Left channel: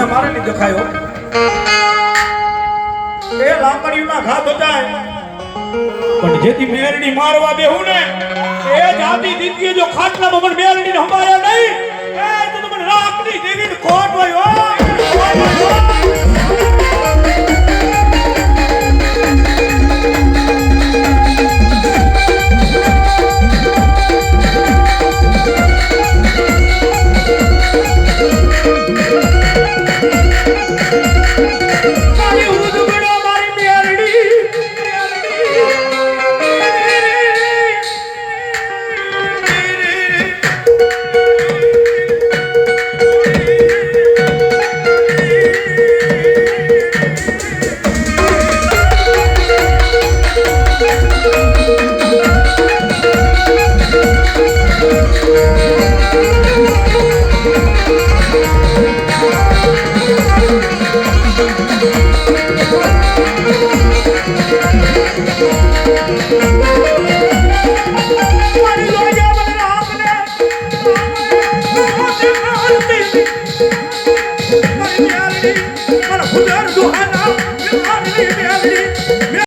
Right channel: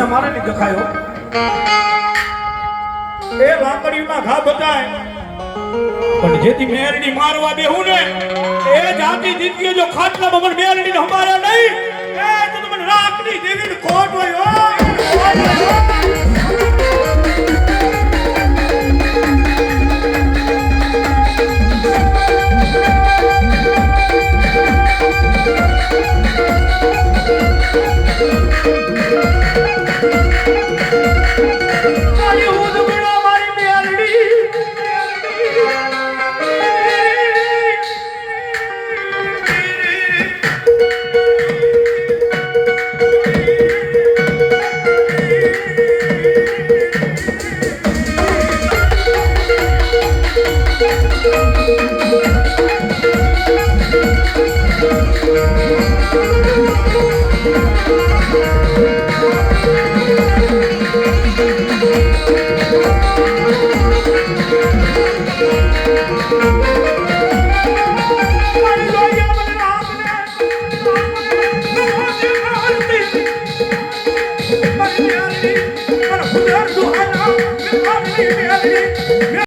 અહીંયા મારે નહીં દેખાયો એ લાકડીના ઘા બતાય પણ જેથી મેરડી મારવા બેહું ને એ જાતિ દીધી